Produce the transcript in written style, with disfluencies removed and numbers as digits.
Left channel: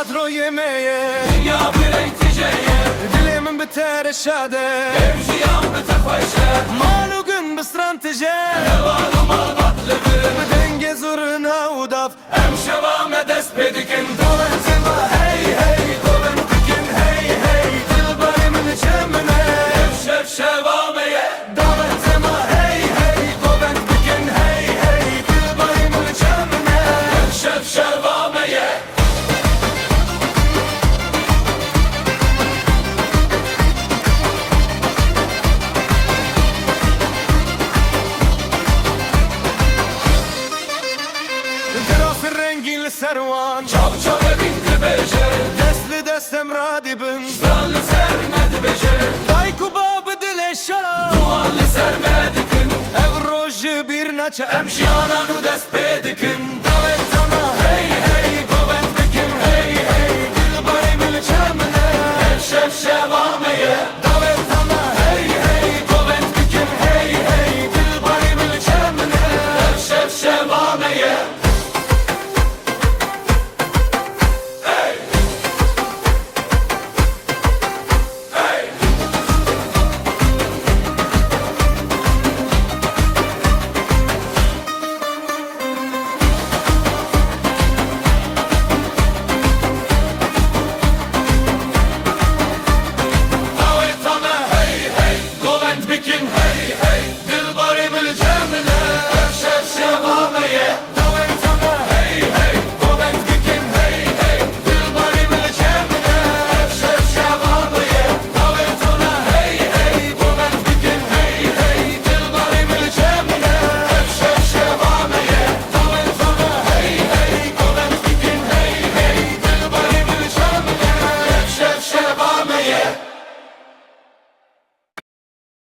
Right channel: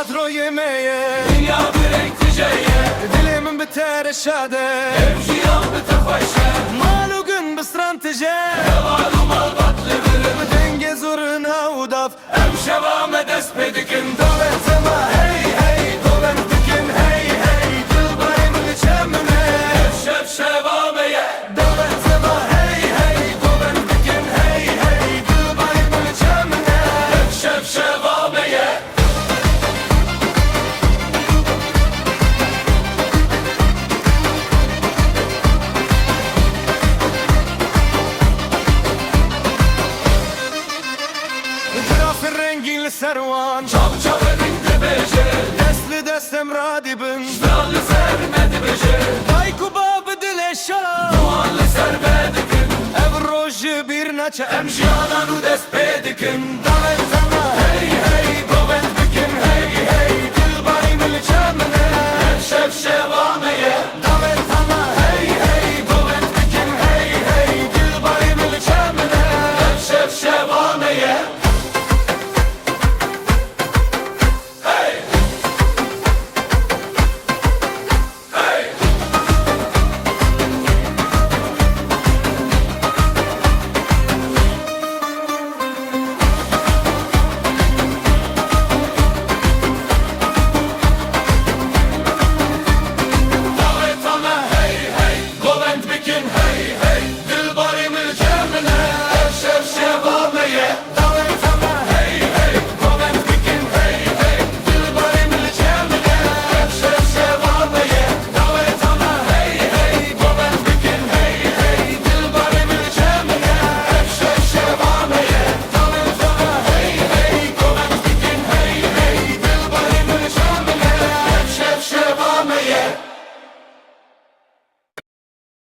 kadro yemeğe Dünya bir renkli ceye Dilimin biter şade Evciyan bتفايشه مالو gün بسترانتجه Evalum albat levirim بدنگ زورنا وداف Em şevame dest pedikin دولتما هی هی دوبنتكن هی هی دلبري من çemine Şef şevameye دولتما هی هی دوبنتكن هی هی دلبري من çemine Şef şevameye Graf rengin servan Çav çav bindi beje Destli destem radibin Dallı sermedi beje Dayku babı dileşa Muallı sermedikin Ev roji bir naça Em jiyananu dest pedikin Davetama hey hey Goventbikim hey hey Dilbari mil çemine Şef şevameye Davetama hey hey Goventbikim hey hey Dilbari mil çemine Şef şevameye